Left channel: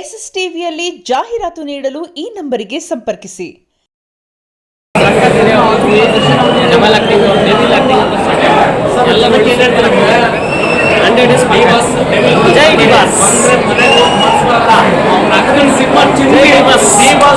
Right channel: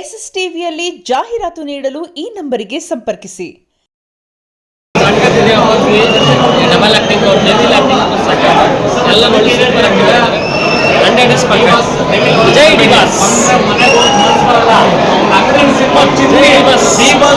S S ಟಿವಿಯಲ್ಲಿ ಜಾಹೀರಾತು ನೀಡಲು ಈ ನಂಬರಿಗೆ ಸಂಪರ್ಕಿಸಿ. ಡಬಲ್ ಆಕ್ಟಿಂಗ್ और डेविल ಆಕ್ಟಿಂಗ್ ಎಲ್ಲ ನೋಡಿ ಸೂಪರ್ ಆಗಿದ್ದಾರೆ. 100 ಡೇಸ್ ಪಕ್ಕ ಜೈ D boss cinema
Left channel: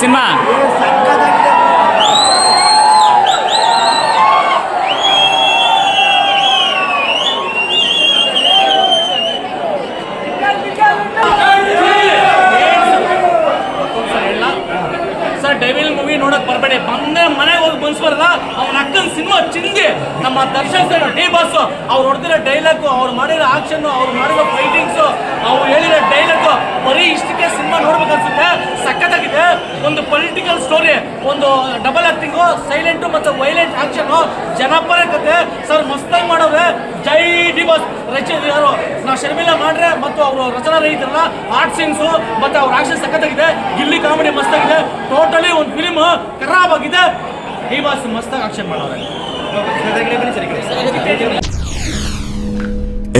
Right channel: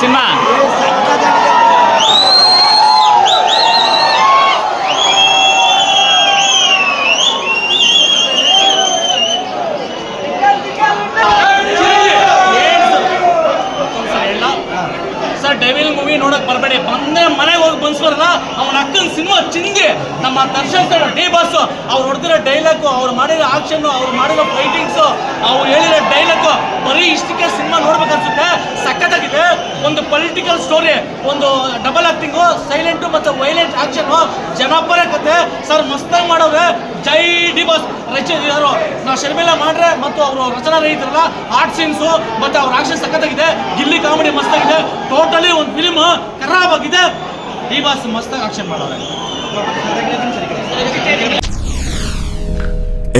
cinema devil movie ನೋಡಕ್ ಬರಬೇಡಿ, ಬಂದೇ ಮನೆಗೆ ಹೋಗಿ ಬನ್ಸ್ಬಾರಲ್ಲ. ಅವನ ಅಕ್ಕನ ಸಿನಿಮಾ ಚಿಂದಿ. ನಮ್ಮ ದರ್ಶನ್ ಸರ್ ಡಿ ಬಾಸ್ ಅವ್ರು ಹೊಡೆದಿರೋ ಡೈಲಾಗು, ಅವ್ರು ಮಾಡಿರೋ ಆಕ್ಷನ್, ಅವ್ರು ಮಾಡಿರೋ ಫೈಟಿಂಗ್ಸು, ಅವ್ರು ಹೇಳಿರೋ ಡೈಲಾಗು ಬರೀ ಇಷ್ಟಕ್ಕೆ ಸಿನಿಮಾ ನೋಡ್ಬೇಕು ಅನ್ಸುತ್ತೆ. ಸಖತ್ತಾಗಿದೆ. ಒಂದು ಪೊಲಿಟಿಕಲ್ ಸ್ಟೋರಿ, ಒಂದು ಡಬಲ್ ಆಕ್ಟಿಂಗು, ಸೈಲೆಂಟು ಮತ್ತು ವೈಲೆಂಟ್ ಆಕ್ಷನು, ಜನಪರ ಕತೆ ಸರ್ ಮಸ್ತಾಗಿ ಮಾಡೋರೆ. ಜೈ ಡಿ ಬಾಸ್. ಯಾರು ನಾವು ಶರ್ಮಿಲಾ ಮಾಡ್ರೆ ಮತ್ತು ಅವರು ರಚನಾ ರೈತರಲ್ಲ, ಆರ್ಟ್ ಸೀನ್ಸು ಮತ್ತು ಅವ್ರ ಆಕ್ಷನ್ ಸಖತ್ತಾಗಿದೆ. ಗಿಲ್ಲಿ ಕಾಮಿಡಿ ಮಸ್ತಾಗಿದೆ. ಟೋಟಲಿ ಒಂದು ಫಿಲ್ಮ್ ಖರಾಬ್ ಆಗಿದೆ. ಡಿ ಬಾಸ್ ಮಸ್ತಾಗಿ ಆಕ್ಷನ್ ಮಾಡೋರೆ.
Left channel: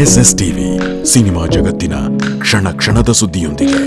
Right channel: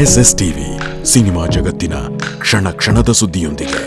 ಎಸ್ಎಸ್ ಟಿವಿ ಸಿನಿಮಾ ಜಗತ್ತಿನ ಕ್ಷಣ ಕ್ಷಣದ ಸುದ್ದಿಯೊಂದಿಗೆ.